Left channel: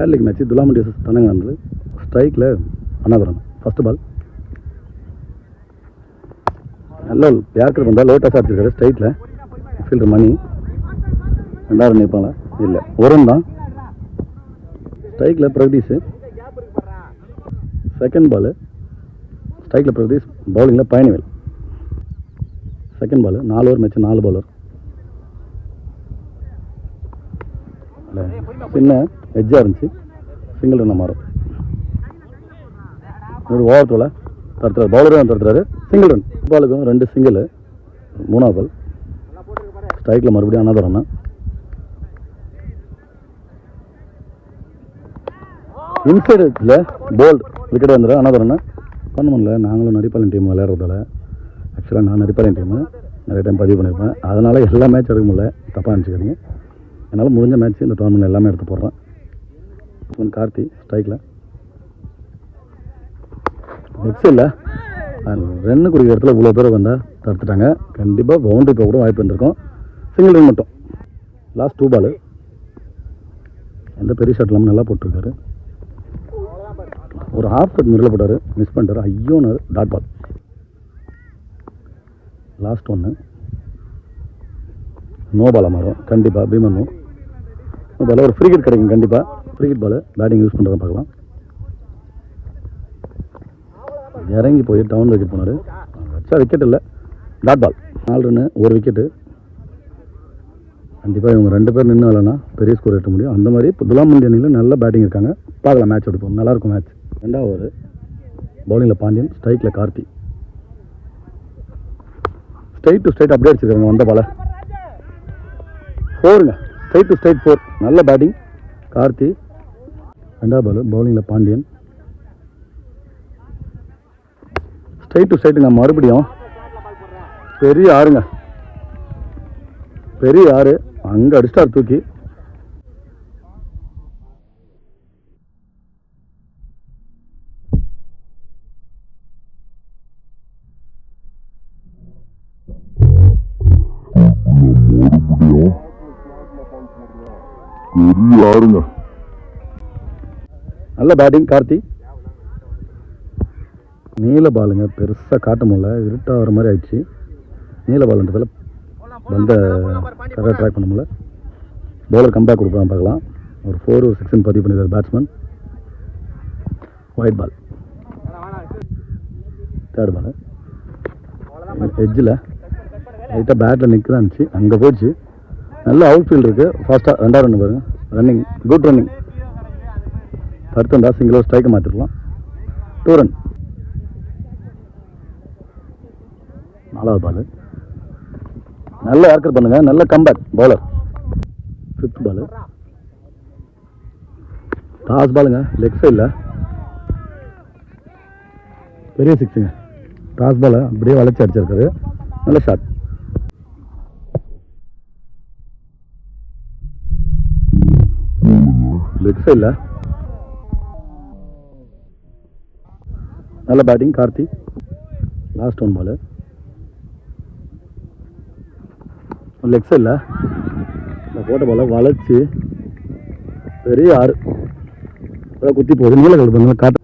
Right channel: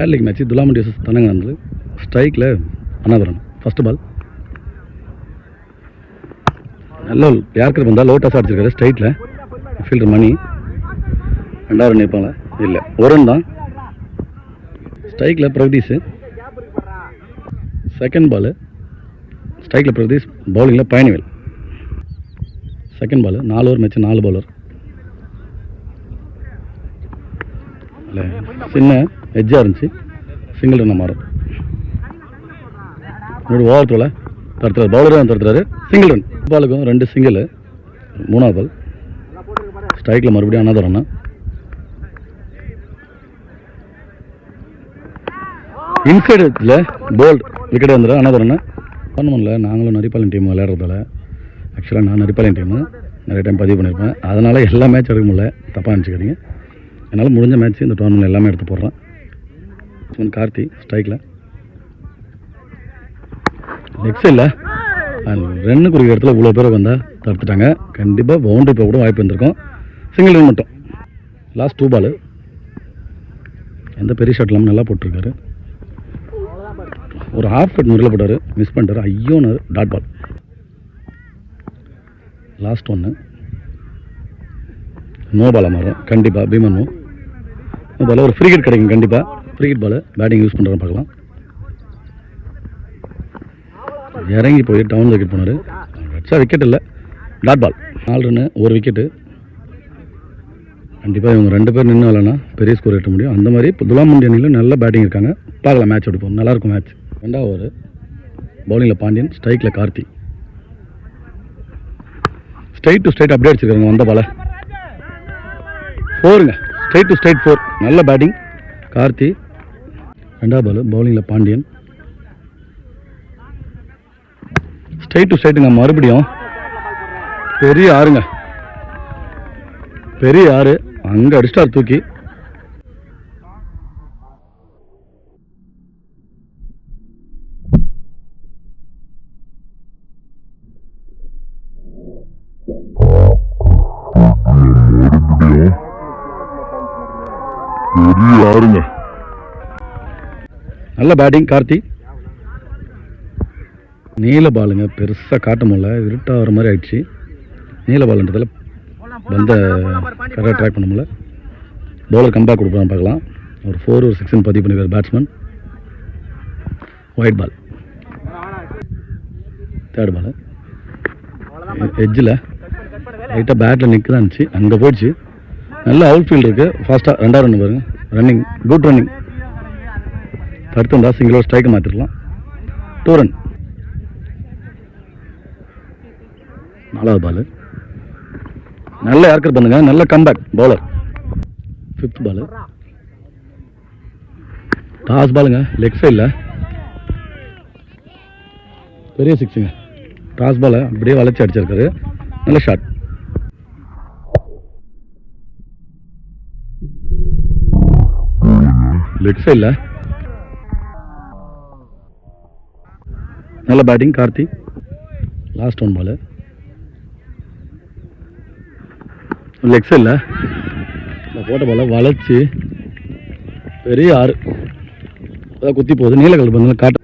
ஏர் league match துலாமண்டி versus தனங்கனந்து. ஸ்ட்ரைக்கில் அனாதரன். First பால் நல்ல yorker வந்தால் லோ டாஸ் அடிச்சிருக்காரு ஸ்ட்ரைட்டில். ஃபீல்டர் மணி 2 ரன் நிற்பாங்க. இல்லை, ஒரு ரன் தான். ஸ்ட்ரைக்கில் பிரகதீஷ். செகண்ட் பால் ஸ்ட்ரைக்கில் பிரகதீஷ், பவுலிங்கில் Payanivel. Second ball 4 over match, 4 bowler. இல்லை, சின்ன எட்ஜாக இருந்துச்சு, சிங்கிள் ரன்னை மாறும். என்னோட ஓவர் த்ரோவில் தடுத்துறாரு, பவுலரே வந்து தடுத்துறாரு, சிங்கிள் ரன். பாலுக்கும் 2 சிங்கிள். 3ஆவது பால் ஸ்ட்ரைக்கில் மறுபடியும் அனாதர் ரன். இன்சைடு இதில் போல்டு விக்கெட் வந்துடும், அனாதர் ரன். பண்ண முடியல. நாங்களும் நரிப்பாளையம் டீம் விளையாடுறதால, ஆக்சுவலாக நான் நரிப்பாளையம் டீமு நிறைய டைம் பதிவு பண்ணியிருப்பேன். அதனால் எல்லா மேட்ச் எடுக்க முடியல, தப்பாக நினச்சிக்காதீங்க. என்னால் முடிஞ்ச மேட்ச் இந்த டோர்னமெண்ட் எல்லாமே எடுத்து போடுறேன். கார்த்தி ஸ்ட்ரைக்கில். நெக்ஸ்ட் இல்லை, ரன்னு குறிக்கிற இடத்துல இவ்வளோ பேர் வந்தால் தடுத்துட்டாங்க. கண்டிப்பாக பவுண்டரி போக கூட வாய்ப்பு இருந்திருக்கும். சிங்கிள் ரன் மட்டும். லாஸ்ட் 2 பால் எந்த பெரிய ஷாட் இல்லாமல் நல்லா போட்டிருக்காரு. ஒரு ஹாஃப் கட் முறையில் போட்டார், மிஸ் பண்ணிட்டார். ஐயோனார் டாட் பால். லாஸ்ட் 1 நோ பாலாக மாறும் கண்டிப்பாக. பீமன் நோ பால். ஒரு ஃப்ரீ ஹிட் கிடைக்கும் கண்டிப்பாக. Free hit ball batting use பண்ணுறேன்னு பார்க்கலாம். இறங்கி போய் டவுன் விக்கெட் போனார். வச்சா விக்கெட் இல்லை, டாட் பால். 4 run, 1 wicket. கண்டிப்பாக இவங்க 2 பேர் நின்று விளாட்னா பெரிய ஸ்கோர் எட்ட முடியும். அந்த மாதிரி இப்போ துலாமண்டி அணியில் நல்ல பேட்டிங் இருக்காங்க. பார்க்கலாம், மேட்ச் எடுப்போம். நல்லாயிருக்கும் மேட்ச். 2வது ஓவர் பவுலிங்கில் பாண்டியன், ஸ்ட்ரைக்கில் கார்த்தி. ஸ்ட்ரைட் டு ஸ்ட்ரைட் அப்படியே அடிச்சிருக்காங்க வந்த பால. 4ங்க, ஸ்ட்ரைட் டு ஸ்ட்ரைட் 4. நல்ல பேட்டிங் கார்த்தி. 2வது பால் பவுலிங்கில் பாண்டியன், ஸ்ட்ரைட் டு ஸ்ட்ரைட்டுங்க. மறுபடியும் பெரிய ஆறுங்க, பெரிய ஆறு. அங்கே அடிச்சிட்டார் தூக்கி. நல்ல பேட்டிங் கார்த்தி. நீல பாலுங்க, பெருசாக காட்ட முடியல, இருட்டாக வர மாதிரி ஆயிடுச்சு. நீல பாலுன்றதில் வந்த கரெக்டாக ட்ராக் பண்ண முடியல. பவுலர் கம்பேக் கொடுப்பான்னு பார்க்கலாம். ஒரு 4 ஒரு 6 பதிவு பண்ணிருக்கார் பேட்ஸ்மேன். White ball. 3rd பால் எட்ஜில் லைட்டாக பேட்டில் நிற்க இருந்துச்சு, அங்கே போயிடுச்சு. நல்ல அவுட் ஃபீல்டு இருக்குது. ஃபாஸ்ட்டாக 2வது ரன் பாருங்க. Running, good running. தடுத்துருந்தா சிங்கிள் ஓவர் ஸ்ட்ரைக்கை மாற்றிருக்கலாம். 2 ரன். 4வது பால் நல்ல யார்கர் பண்ணுங்க, நல்ல comeback bowler. 5th ball toss பாலுங்க, லெக் சைடில் பெரிய 6ங்க. டாஸ் பாலை அப்படியே வளைச்சி அடிச்சிருக்காரு. நல்ல ஷாட். லெக் சைடில் நல்ல batting Karthi. Last 1 ball leg சைடில் இந்த போட்ட பாலை வளைச்சி பெரிய ஆறு அதான் குத்தி போகுது. நீல கலர் பண்ணல காட்ட.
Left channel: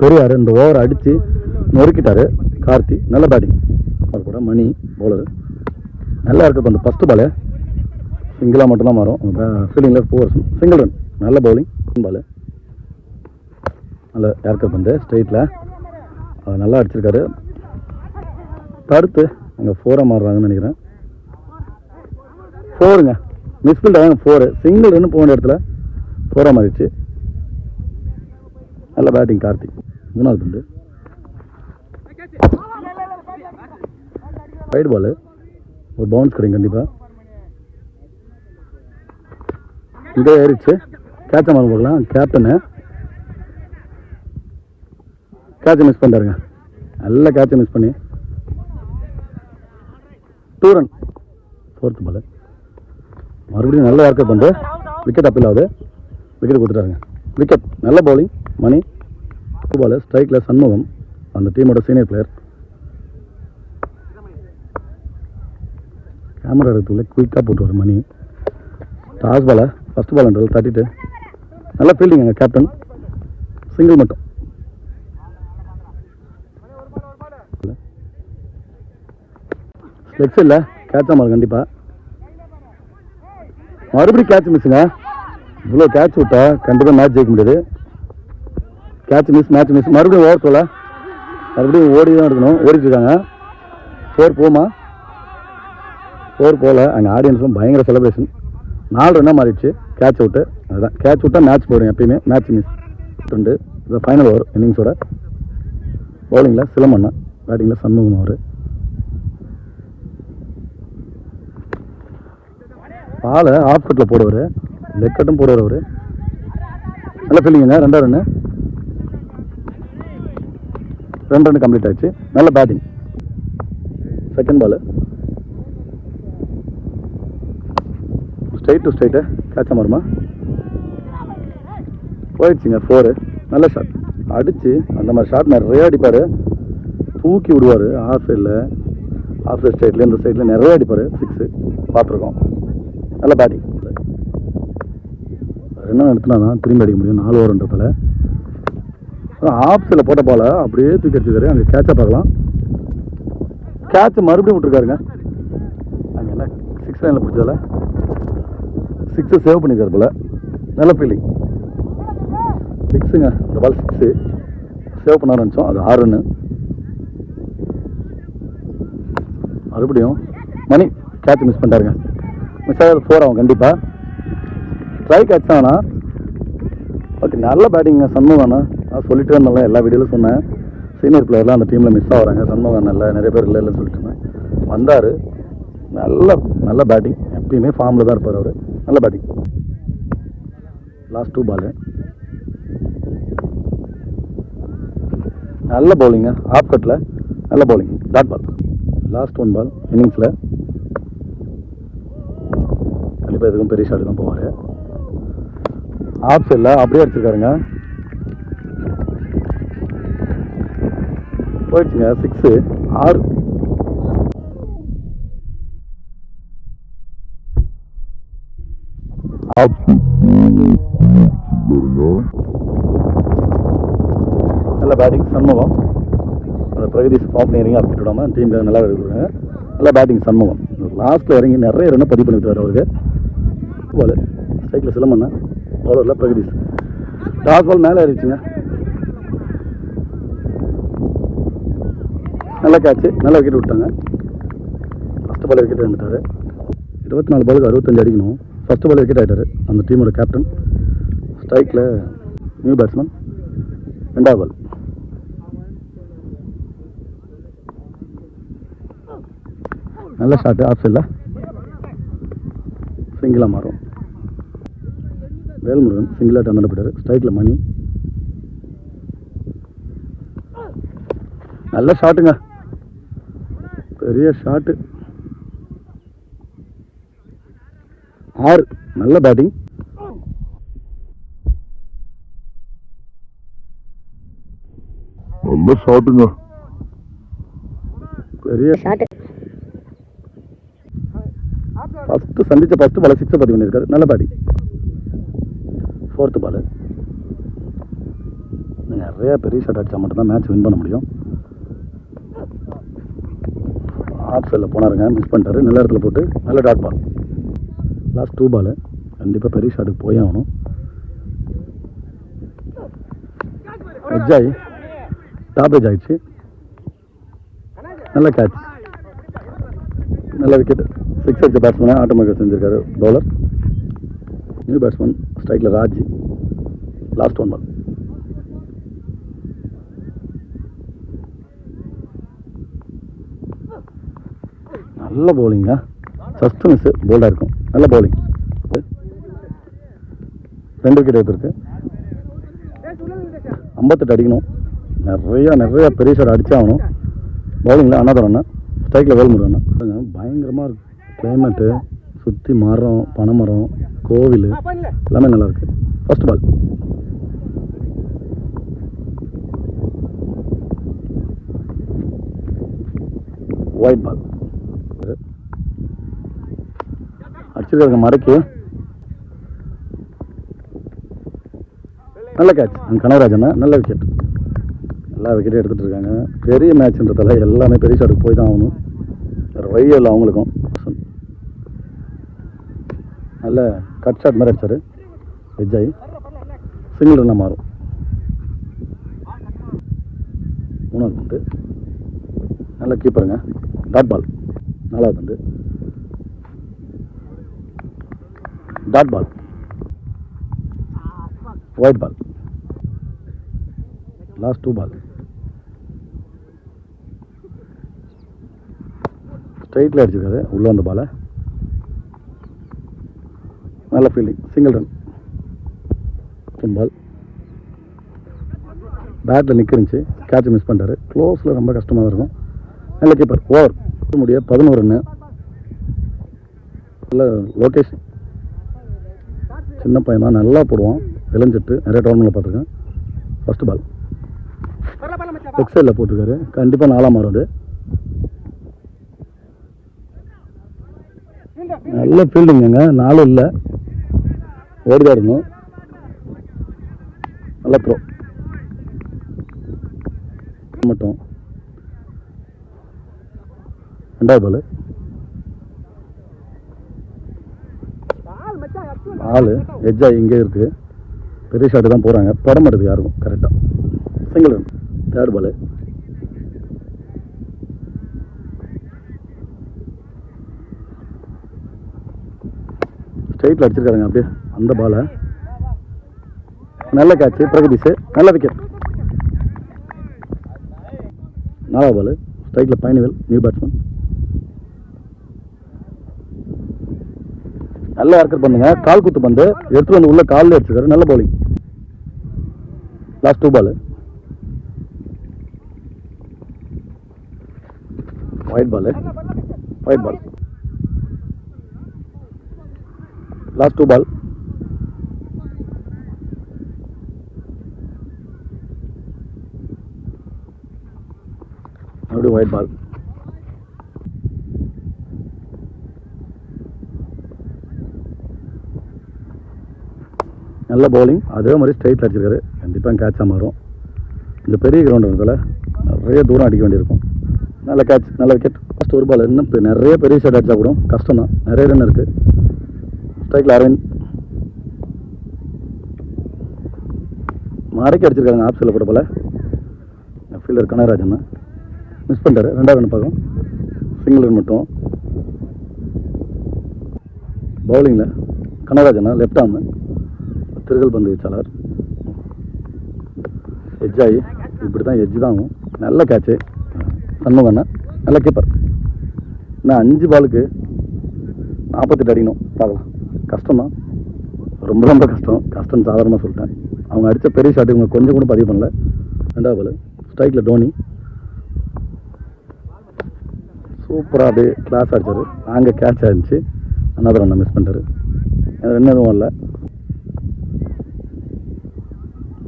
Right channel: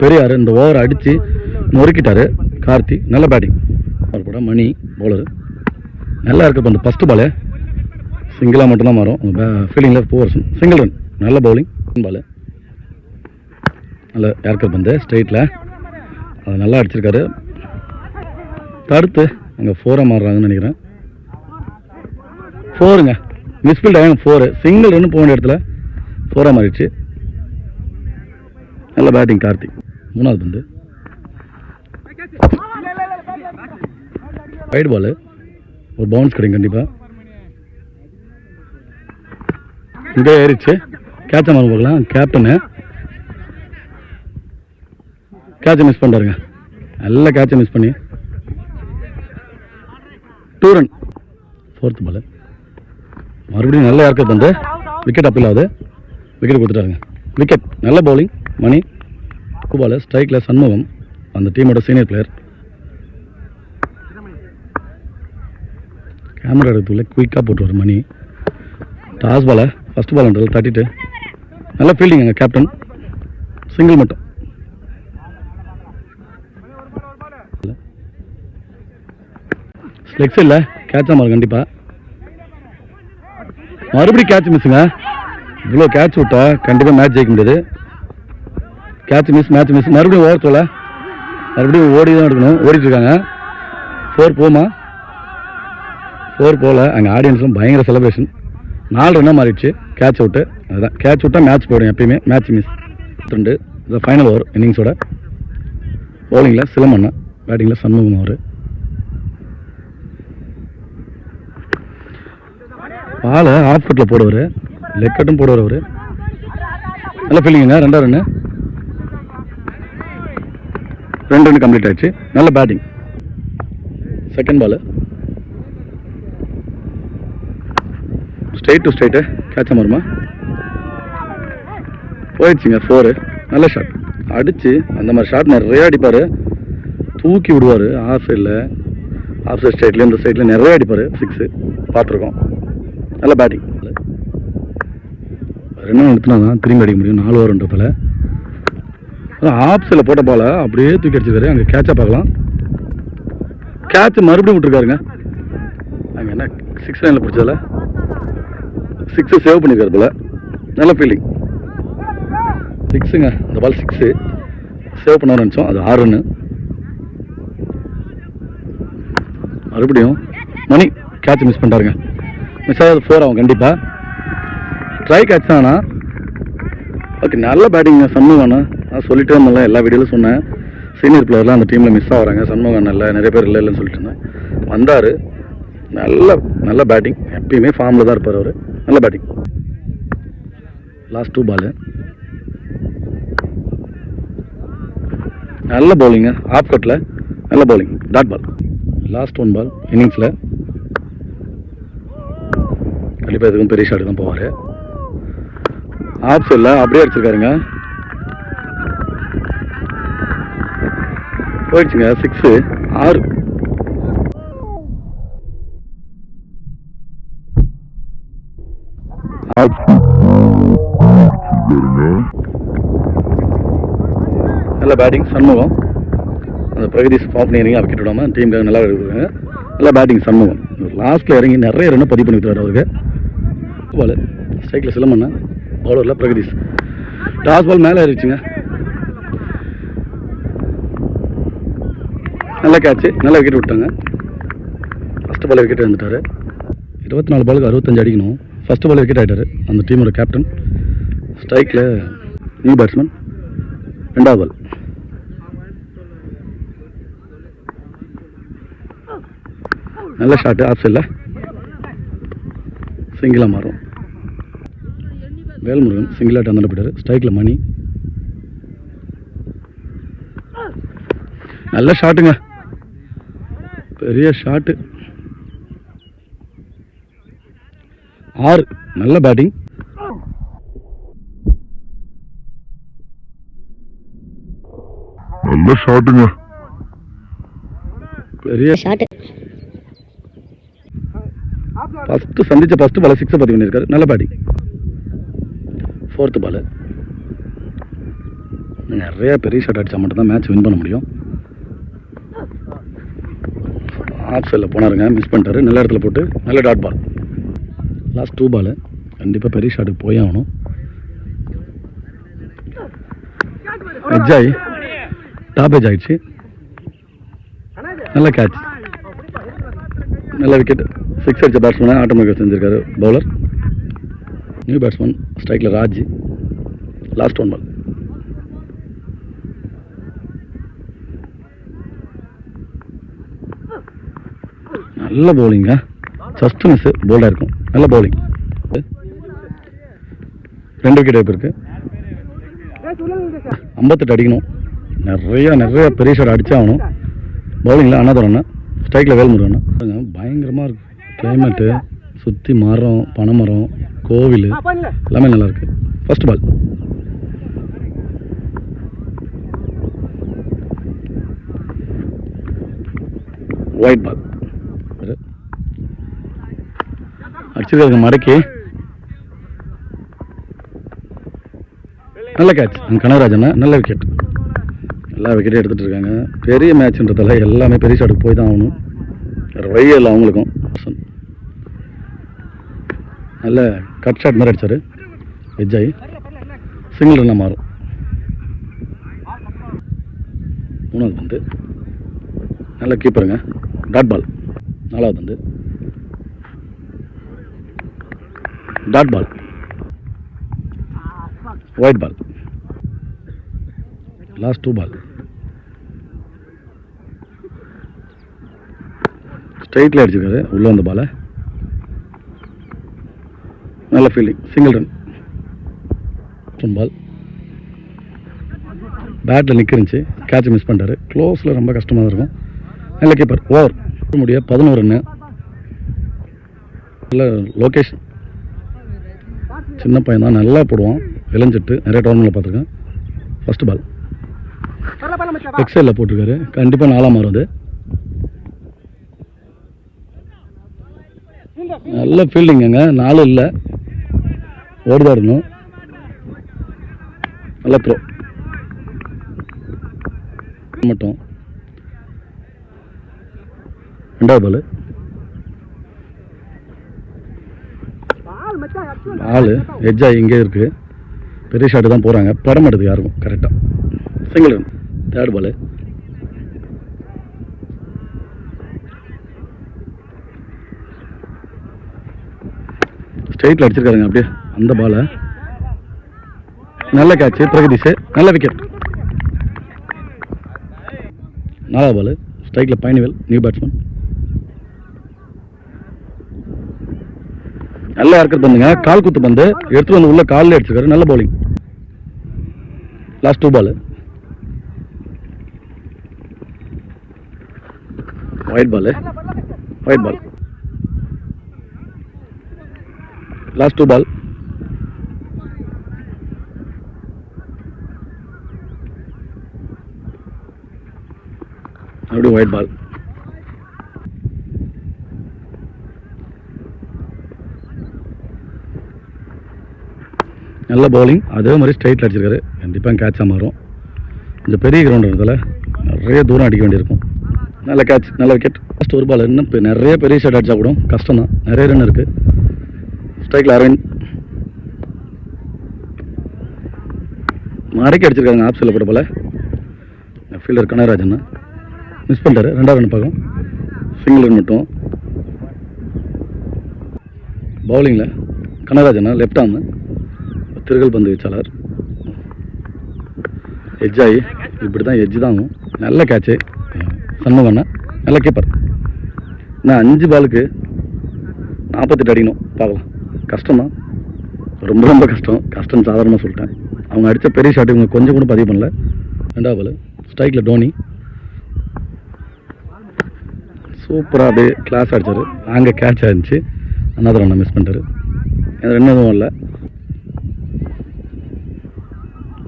பெரியார் இந்த ஓவர் அடித்து நொறுக்கிட்டாரு கார்த்தி. நல்ல பேட்டிங். கூட மணி பவுலரு நல்லா இருக்கு. அந்த ஃபஸ்ட்டு பாலு சிங்கிளாக மட்டும்தான் மாறும். ஃபீல்டிங்கில் 4 சிங்கிள் ரன். நல்ல பவுலிங். பால் நல்ல யார்கர் பந்து ஸ்ட்ரெயிட்டில் அது நல்லா அடிச்சிருக்காரு. தடுத்து அங்கே 4ஆக மாறுறாங்கன்னு நினைக்கிறேன். 4ங்க, மிஸ்ஃபீல்ட் ஆகும். 4 சிங்கிள் ரன்னு போக வேண்டிய இடத்துல 4ஆக மாறிடுச்சு. நல்ல பேட்டிங் கார்த்தி. 3வது பந்து வைட் பால், ஒரு பவுன்ஸ் கிடைக்கும் கண்டிப்பாக. இங்கே ஏறிச்சு. கேட்ச மாதிரி பார்க்கலாம். கேப்டனு கேட்சை மிஸ் பண்ணுறாருங்க. நல்ல கேட்சை மிஸ் பண்ணி 2 ரன். 4th பால் மறுபடியும் நல்ல இறக்கத்து வந்து விக்கெட் அப்பீல் ஆகுது. விக்கெட் கொடுத்துட்டாருங்க. விக்கெட். நல்ல பவுலிங் மணி. பால் ஸ்ட்ரைக்கில் சண்முகம், அந்த டீமோட சீனியர் பிளேயர். கேமரா எடுத்துள்ள குயிக்காக போட்டுருவார் மணி. டாஸ் பாலை ஃபஸ்ட் பால்ன்றது தட்டிட்டு நல்ல ஃபீல்டிங் எங்கள் கேப்டன். சிங்கிள் மட்டும். ஸ்லெக்ஸ் இல்லை, கேட்ச் ஆமாம் கண்டிப்பாக. மறுபடியும் கேட்ச் மிஸ்ஸுங்க. இவ்வளோ கேட்ச் விட்டா கண்டிப்பாக மேட்ச் ஜெயிக்க முடியாது. Catch miss, match miss. மறுபடியும் ஓவர் தோல, மறுபடியும் ஓடி தான் எடுக்கணும். ஓடிட்டு இருக்காங்க. 4 போமா, 4 போல. அங்கே ஆடியன்ஸ்லாம் பயங்கர செலிப்ரேஷன். 4 ரன்னாக மாறிடுச்சு. Catch out. அதுதான் கேட்ச் விட்டால் மேட்ச் போயிடும் எப்பயுமே. Match miss. 2 இது ஃபைனல் ஓவர் இன்னிங்ஸோட. பவுலிங்கில் சிலம்பண்ணா, பேட்டிங்கில் சண்முகம் அவர். பாலை ஆஃப் கட்டில் போடுவார், லெக் கட்டும் போடுவார் அவர். நல்ல ஃபீலிங்குங்க. 2 ரன்னு, 2 ரன் கம்ப்ளீட் ஆயிடுச்சு. நல்ல batting. Second ball straight to straight catch மாறுமா போயிடுச்சுங்க. 4. நல்ல ஷாட் அடிச்சு. அந்த மாதிரி ஷாட் நிறைய அடிப்பார், தூக்கி விடுவார். ஆஃப் சைடில், ஆஃப் சைட் ஸ்ட்ரைட்ல இந்த சைடில் நிறைய அடிப்பார். 6 பார்த்துருக்கோம். நல்ல பேட்டிங். 2 ரன் எடுத்துனா தான் திரும்பி அடிக்க முடியும் 4 ஓவர்ன்றதில். ஆஃப் சைடில் போட்ட பாலை அப்படியே தூக்கி அடிச்சிருக்காரு. அங்கே கேட்சாக பார்க்கலாம். கேட்ச் மறுபடியும் விட்டுருக்காருங்க. அங்கே என்ன 6 லைனில் பிடிச்சதில் 6 சேவ் பண்ணியிருக்காரு போல. நல்ல ஃபீல்டிங். 6ங்க. இந்த பால் 6 சேவ் பண்ண நினச்சோம். அது 6 ரன்னு. மறுபடியும் மணி கேட்ச் மிஸ் பண்ணிட்டாருங்க. மிஸ் ஆகாது 4 ஆகும் கண்டிப்பாக. ட்ரை கேட்ச் தானா. ஓகே, நல்ல பேட்டிங்க சண்முகண்ணா. நான் சொல்லிட்டே இருந்தேன், எல்லா வீடியோவில் சொன்னேன். சீனியர் பிளேயர்லாம் அந்த டீமில் மிஸ் ஆகிறாங்க. சண்முகம் இல்லை, நிறைய பேர் இல்லைன்னு சொல்லிட்டு இருந்தேன். வந்தார். நல்ல பேட்டிங். எப்பயுமே ஃபார்மில் தான் இருப்பார் அவர். நல்ல பேட்டிங். லாஸ்ட் 2 பால் நல்ல பவுலிங்க. ஆஃப் கட்டில் நல்ல bowling. Dot ball. Last 1 ball இன்னிங்ஸில். கண்டிப்பாக எதுக்கும் பெரிய ஷாட்டு தான் போவார். ஆஃப் சைடில் அப்படியே அடிச்சிருக்காருங்க. போயிடுச்சுங்க. 6. 6. நல்ல பேட்டிங் சண்முகம். அந்த பிரகதீஷ் ஃபார்ம் பண்ணி இறங்கி விக்கெட் விடாமல் டீமுக்காக நல்லா எடுக்கிறாங்க. நல்ல பேட்டிங் சண்முகம். லாஸ்ட்டில் இறங்கி நிறைய ரன்னை பதிவு பண்ணி விட்டுறாரு அவருக்கு. பால் ஸ்ட்ரைக்கில் சிலம்பண்ணா, பவுலரில் பிரகதீஷ். டாஸ் பால் மேலே ஏறிச்சுங்க. நல்ல கேட்ச்சு. நல்ல விக்கெட் விட்டாங்க. ஃபஸ்ட்டு பால் விக்கெட் வந்துட்டார். 24 பாலுக்கு 65 அடிக்கணும். ஃபஸ்ட்டு பால் விக்கெட் ஆகிட்டார் அந்த டீமோட கேப்டன். ஸ்ட்ரைக்கில் நியூ பேட்ஸ்மேன். 2வது பால் நல்ல ஷாட்டு. ஆஃப் சைடில் சிங்கிளாக மாறும். வேல்முருகன் சிங்கிளாக அந்த போயிட்டார். ஸ்ட்ரைக்கில் மணி. நல்ல ஷாட்டுங்க, பெரிய ஷாட்டு. 6. நல்ல பேட்டிங். நல்ல ஷாட்டுங்க, பெரிய ஷாட்டு. ஃபஸ்ட்டு பால் 6 பதிவு பண்ணியிருக்காரு. நல்ல பேட்டிங். 4th பால் நிறைய பெரிய ஷாட் அடித்தா மட்டும்தான் மேட்ச் வின் பண்ண முடியும். ஆஃப் சைடில் போனாருங்க, மிஸ் பண்ணிட்டாரு. நல்ல இடத்துல போட்டு நல்ல டாட் பால். லாஸ்ட் 2 பால் கண்டிப்பாக பெரிய ஷாட்டுக்கு போய் ஆகணும். எட்ஜாய் டாப் எட்ஜ் ஆகிடுச்சு. நல்ல கேட்ச். நல்ல விக்கெட். 6 அடித்த பேட்ஸ்மேனை ஆட்டோமேட்டிக் செஞ்சுருக்காரு பவுலர். நியூ பேட்ஸ்மேன் ஸ்ட்ரைக்கில் ராஜ். லாஸ்ட் 1 பால் நல்ல பவுலிங்க. ஜஸ்ட் மிஸ் போல்டாக இருக்கும். நல்ல பவுலிங். 2 விக்கெட் வாய்ப்பு இருக்குது. 58 அடிக்கணும். நிறைய பெரிய ஷாட் அடிச்சாகணும். பவுலிங்கில் அண்ணாதுரண்ணா, ஸ்ட்ரைக்கில் வேல்முருகண்ணா. பயங்கரமாக இருக்குது கிளைமேட்டு. சுற்றி மரம், பனைமரம், கோவில் எல்லாமே நல்லாயிருக்கு. First ball. White ball. அடிச்சிருக்காங்க மடக்கி. நல்ல கேட்ச். கனகராஜன் நல்ல விக்கெட். எல்லா விக்கெட்டையும் எடுத்துகிட்டு இருக்காங்க. பெரிய மேட்ச்ன்றதால எல்லாமே பெரிய ஷாட்டுக்கு போய் தான் ஆகணும். வேறு வழி இல்லை அவங்களுக்கும். நல்ல கட் ஷாட் மாதிரி அடித்தார். விஜய் சிங்கிள் ரன்னாக மாறும். 3வது வந்து நல்ல கீப்பருங்க. Dot ball. 4வது வந்து dot ball. White ball. Last 2 ball. ஸ்ட்ரைட்டில் அடிச்சிருக்காரு உள்ளே வந்த பாலை. நல்ல ஃபீல்டிங். Single run. பால் பேட்டில் நிற்கிருந்துச்சு. கேட்ச் மிஸ் பண்ணிட்டாரு. க்ளோஸில் ரொம்ப கஷ்டமாக தான் இருக்கும். நல்ல கீப்பர். ஓவர் முடிய 11 ரன்னு. நல்ல லொக்கேஷன். சின்ன பையன் தான், நல்லா போடுவான். விளைஞ்சிட்டு நிறைய டோர்னமெண்ட்டில் பார்த்துருக்கேன். ஃபர்ஸ்ட் பால் எக்ஸைலில் போட்டிருக்காரு. கண்டிப்பாக 4ஆக மாறும் அது. நல்ல ஃபீல்டிங்குங்க. 4 இல்லை, ஓடிதான் இருக்கணும். நல்ல த்ரோ மட்டும். 2வது பால். ஆள் எட்ஜாக இங்கே இருக்குது. பெரிய ஷாட்டு தான் போகிறாங்க. படம் மாட்டுது யாருக்கும் கரெக்டாக. Single run. 3rd பால். ஸ்ட்ரைட்டில் அடிச்சிருக்காருங்க அப்படியே அந்த பாலை. நல்ல கேட்ச். பிரகதீஷ் நல்ல விக்கெட். 4வது பால். ஸ்ட்ரைக்கில் பைனிவேல் நியூ பேட்ஸ்மேன். நல்லா இறக்கிறது பண்ணுங்க. கால் குத்து பந்து எடுத்துட்டு வந்து உள்ள காலில் அடிச்சிருக்காரு. நல்ல பவுலிங். லாஸ்ட் 2 பால். White ball. White ball. Last 2 பால். அப்படி ஒயிட் பால். நல்ல பவுலிங். அதே மாதிரி ஸ்ட்ரைட்டில் அடிச்சிருக்காரு. கண்டிப்பாக கேட்சாக மாறும். இந்த பெரிய கிரவுண்டுன்றதால நிறைய தூரம் அடிக்க வேண்டியிருக்கும். நல்ல கேட்ச். நல்ல விக்கெட். லாஸ்ட் 1 பால். இன்னும் நிறைய பெரிய ஷாட் அடிச்சா கூட கஷ்டம் தான். நிறைய ரன் இருக்குது. ஸ்ட்ரைக்கில் அரவிந்த். மடக்கி அடிச்சிருக்காங்க ஆப் சைடில் போட போல. ஃபீல்டர் கனகராஜன் மிஸ் பண்ணிட்டாரு. 2வது ரன் பார்க்கும். சிங்கிள் ரன் மட்டும். பவுலிங்கில் கனகராஜன் லெஃப்ட் ஆர்ம். திருகல் பந்து வீச்சாளர். எட்ஜாகி இப்படி தான் எட்ஜ் தான் ஆகும். நல்ல கேட்சு. சண்முகண்ணா நல்ல கீப்பர். இன்னும் 5 பாலுக்கு 48 அடிக்கணும். பார்க்கலாம். கஷ்டம் தான். ரொம்ப ரொம்ப கஷ்டம். கஷ்டம் சாதாரணமாக சொல்லிட்டேன். அவங்க அடித்த பெரிய ஷாட் இவங்க கொஞ்சம் கூட பதிவு பண்ணல. 2வது பால். ஸ்ட்ரைக்கில் டோனி சூப்பராக அப்படியே கிளாஸ் அடித்தார். அங்கே கேட்ச் ஆயிருந்துச்சு. அண்ணாதிர அண்ணா மிஸ் பண்ணிட்டாரு. ரெண்டு எதுவும் இல்லை.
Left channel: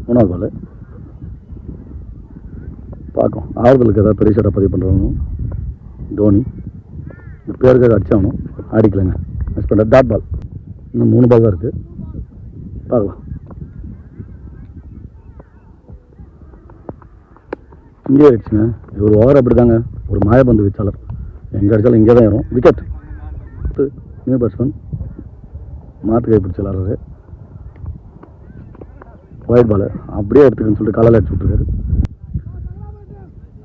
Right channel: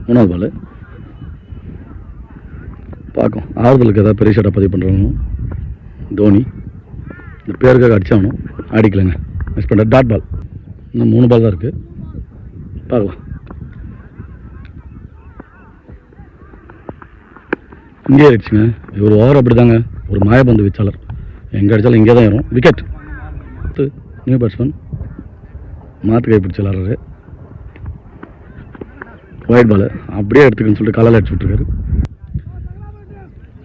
3வது பால். பார்க்கும் ஆறுதலுக்கு ஏதாவது பெரிய ஷாட்டாக பதிவு பண்ணுறாங்க. தோனி இந்த பேருக்காக அடிச்சாகணும். அடிக்கலைங்க. மிஸ் பண்ணுற. Dot ball. இன்னும் 3 பால் தான் இருக்குது. பார்க்கலாம். இங்கே ஆயிடுச்சுங்க. இவர் ஓவர் அப்படி தாங்க. ஒரு மாயபந்து வீச்சாளர். எங்கே அடித்தாலும் இங்கே தான் ஏறும். விக்கெட். நியூ பேட்ஸ்மேன் மாற்று கை பிடிச்சி விளாட்றாரு. White ball. அப்படியே எடுத்துக்கன்னு சொல்லிட்டு காலால் அடிச்சு விட்ருக்காரு.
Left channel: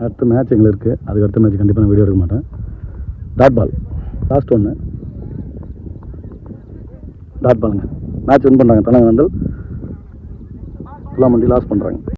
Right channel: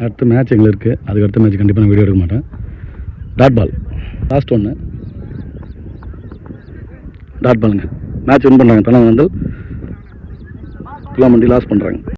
அடுத்த மேட்ச் எங்களுக்கு இருக்குது. அதுக்கு அடுத்த மேட்ச் கண்டிப்பாக நான் வீடியோ எடுக்க மாட்டேன். Dot ball. லாஸ்ட் 1 டாட் பாலுங்க. மேட்ச் வின் பண்ணுறாங்க. தனவந்தல் துலாமண்டி லாஸ் பண்ணுறாங்க.